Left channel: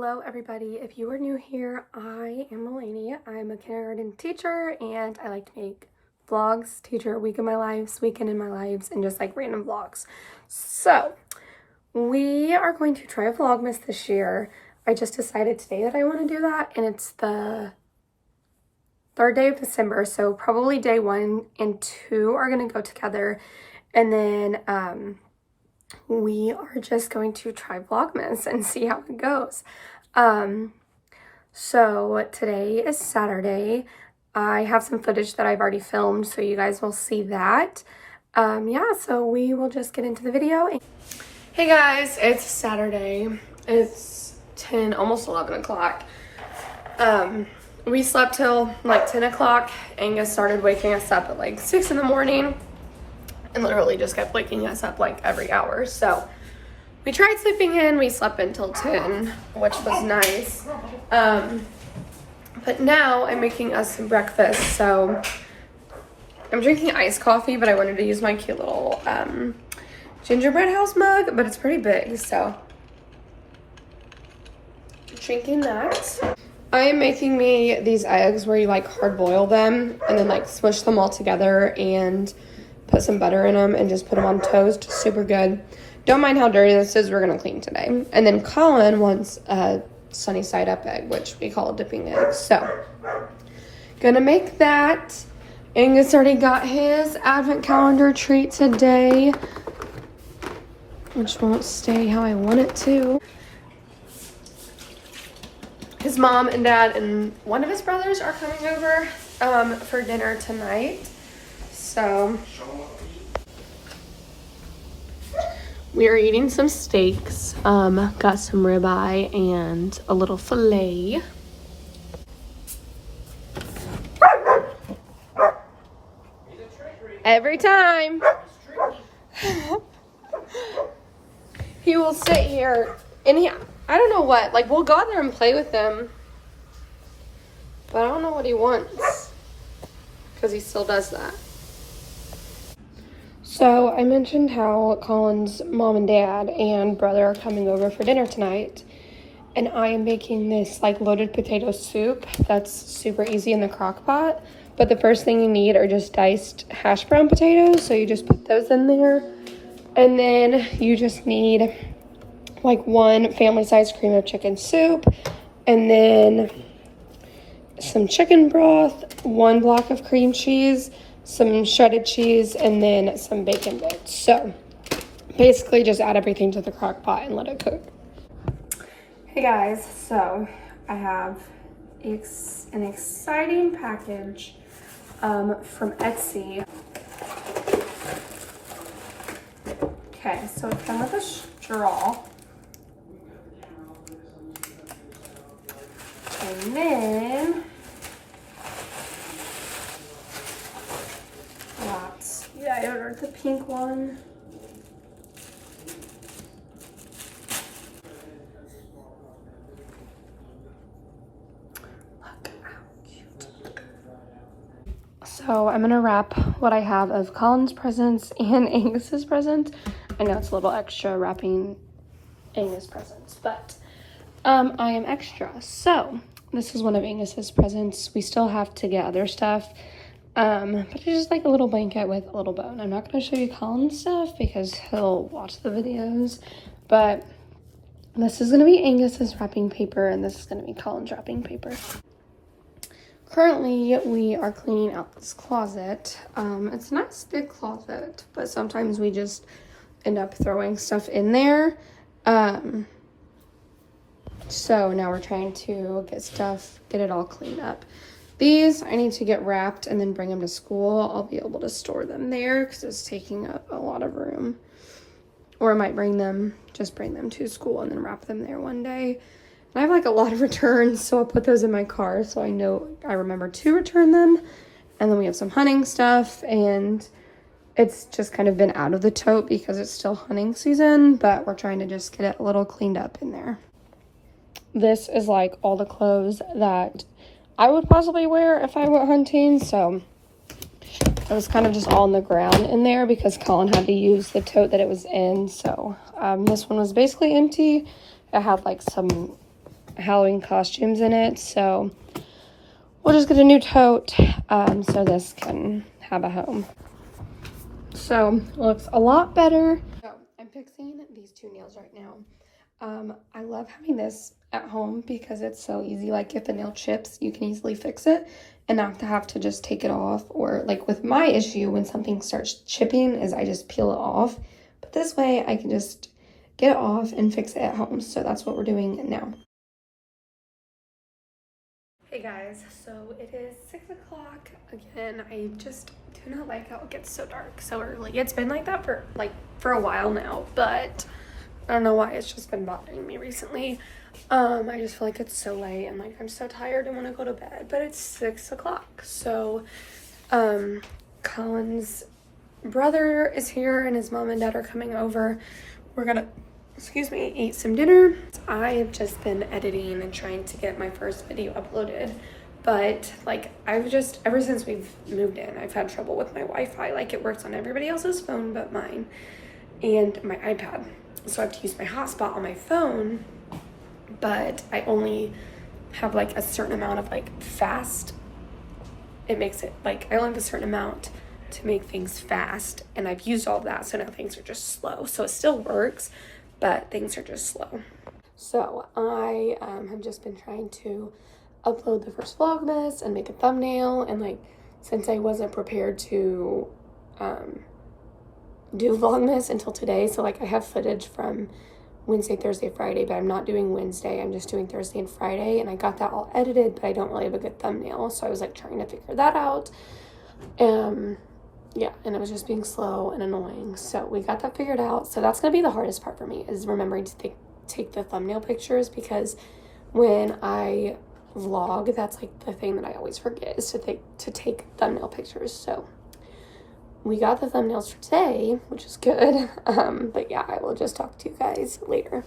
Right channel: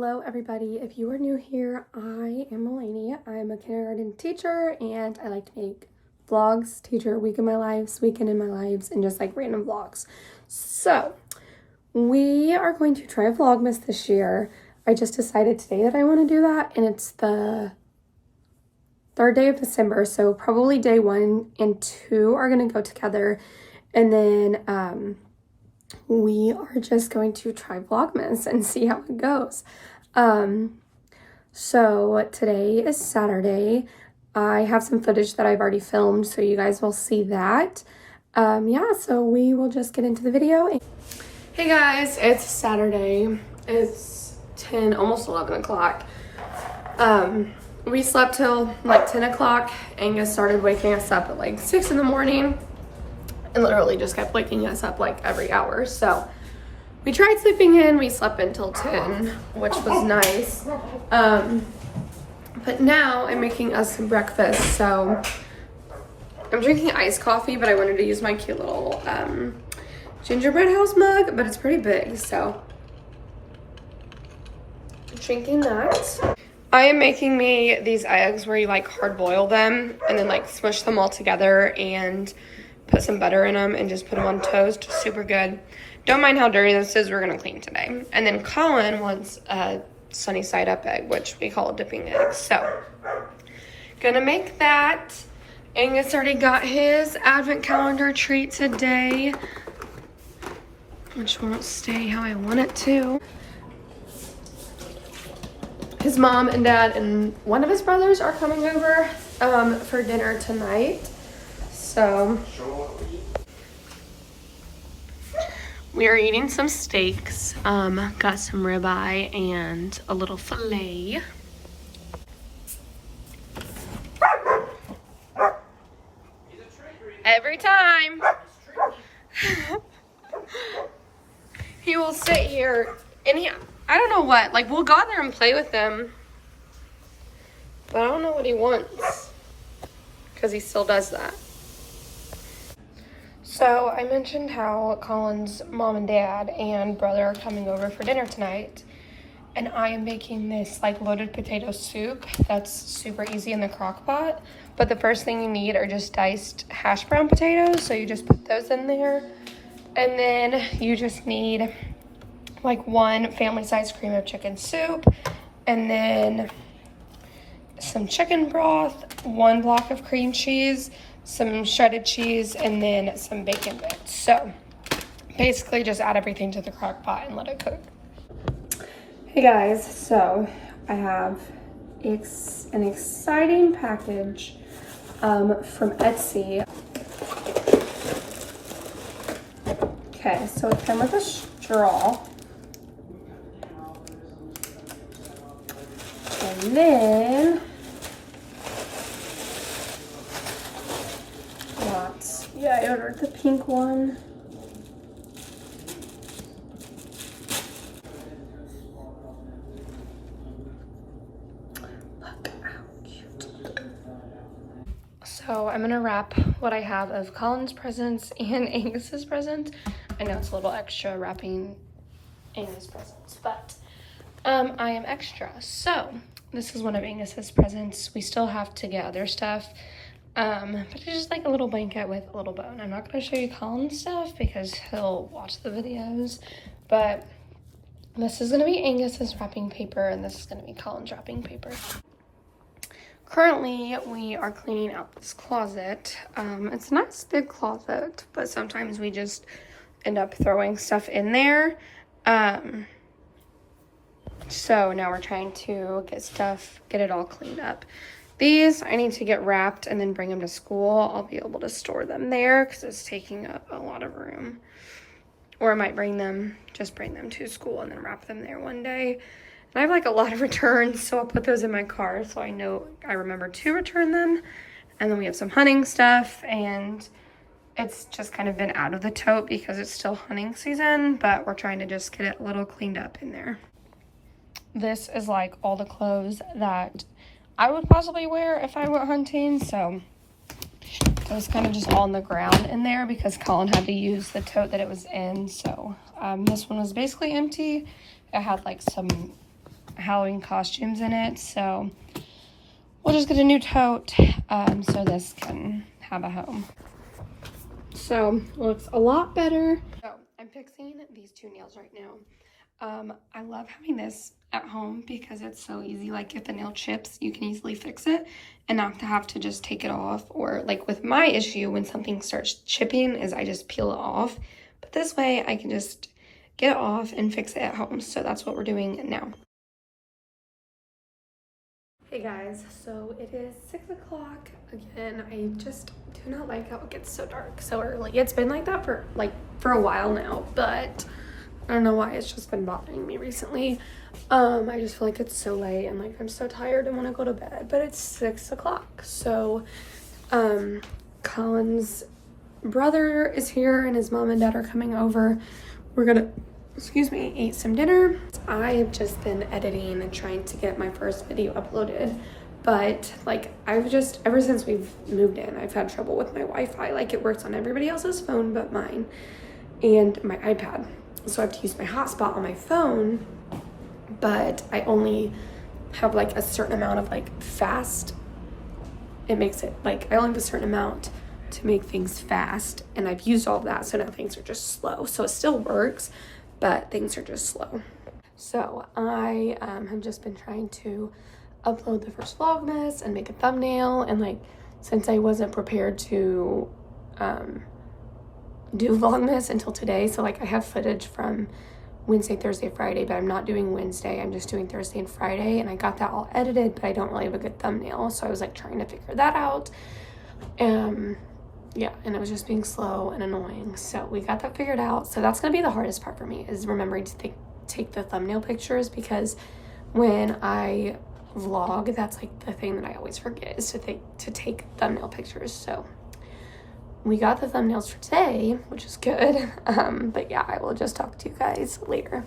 Hello everybody. If you are new here, I am Melanie. I'm a kindergarten teacher and I like to make vlogs, teacher week in my lives, weekend in my lives, and just like random vlogs. So we are going to try a vlogmas this year. I just decided today that I want to do that, and it's the 3rd day of December, so probably day 1 and 2 are going to go together, and then we are just going to try vlogmas and see how it goes. So today is Saturday. I have some footage that I've already filmed, so you guys will see that. Yeah, so we will just get into the video. Hey guys, it's Saturday. It's 10, almost 11 o'clock. We slept till like 10 o'clock. Angus started waking us up at like 6 in the morning and literally just kept waking us up like every hour. So we tried sleeping in. We slept until 10, which was nice. But now I'm making us some breakfast. So I'm drinking iced coffee, but I wanted to use my cute little gingerbread house mug, but it's pretty big, so drinking that. I am making me these eggs where you like hard boil them and then like smush them all together and put some butter in them and just put them on toast. Super good. Don't mind how dirty this is. We're gonna clean today. And then Colin wants a sunny side up egg, which we call a dipping egg. So gonna make that. Angus already got his advent calendar treat today, which won't stay how I want it to. His mom and dad and one of his brothers are coming over for dinner tonight. So we are eating some steaks. Got some ribeye and a little filet. Every time. He will sit here and I don't know what, like we'll go out there and play with them, but I don't know what he wants because he still does that. So I mentioned how Colin's mom and dad and brother are coming over for dinner tonight, and I am making this like loaded potato soup that's super easy in the crock pot. But the first thing you need are just diced hash brown potatoes, so you just put those in there, and then you just need like 1 family-sized cream of chicken soup, and then some chicken broth, 1 block of cream cheese, some shredded cheese, and then some bacon bits. So basically just add everything to the crock pot and let it cook. Hey guys, so I have an exciting package from Etsy. Okay, so it came with a straw. And then I ordered the pink one. Look how cute. So I'm gonna wrap what I have of Colin's presents and Angus's presents. I know it's a little extra wrapping Angus presents, but I am extra. So this is one of Angus's presents. We still have to get other stuff, but it's just like a little blanket with a little bow. I'm not going to show you Colin's stuff because he'll watch the videos, but this is going to be Angus's wrapping paper, and this is going to be Colin's wrapping paper. Currently, we are cleaning out this closet. It's a nice big closet, but sometimes we just end up throwing stuff in there. So now we're trying to get it all cleaned up. These I need to get wrapped and then bring them to school. I'll be able to store them there because it's taking up a lot of room. Or I might just bring them to school and then wrap them there one day. And I have like a lot of returns, so I'll put those in my car so I remember to return them. And then we have some hunting stuff, and it's just kind of been out of the tote because it's still hunting season, but we're trying to just get it a little cleaned up in there. This is like all the clothes that I would possibly wear if I went hunting, so it was kind of just all on the ground in there because Colin had to use the tote that it was in. So this one was basically empty. It had like some Halloween costumes in it, so we'll just get a new tote so this can have a home. So looks a lot better. So I'm fixing these two nails right now. I love having this at home because it's so easy. Like if the nail chips, you can easily fix it and not have to just take it off. Or like with my issue, when something starts chipping, is I just peel it off. But this way I can just get it off and fix it at home. So that's what we're doing now. Hey guys, so it is 6 o'clock again. I just do not like how it gets so dark so early. It's been like that for a while now, but I don't know why, it's just been bothering me recently. I just feel like it's so late and like I'm so tired and want to go to bed, but it's 6 o'clock. So Colin's brother is here and his mom and dad are coming over. We're gonna eat some dinner. I have just been editing and trying to get my first video uploaded, but like ever since we've moved in, I've had trouble with my Wi-Fi. Like it works on everybody else's phone but mine and my iPad. So I have to use my hotspot on my phone, but I only have like a certain amount of like fast. It makes it like I only have a certain amount to make things fast, and I've used all of that, so now things are just slow. So it still works, but things are just slow. So I have just been trying to upload the first vlogmas and make a thumbnail, and like since I wasn't prepared to do vlogmas until today, so like I have footage from Wednesday, Thursday, Friday, but I'm not doing Wednesday, I'm just doing Thursday and Friday, and I got that all edited, but I don't really have a good thumbnail, so I was like trying to figure that out. Yeah, and it was just being slow and annoying. So we got that figured out. So that's going to be the hardest part for me, is remembering to take the thumbnail pictures, because when I vlog, that's like the thing that I always forget, is to take thumbnail pictures. So we got the thumbnails for today, which is good. But yeah, I will just talk to you guys later.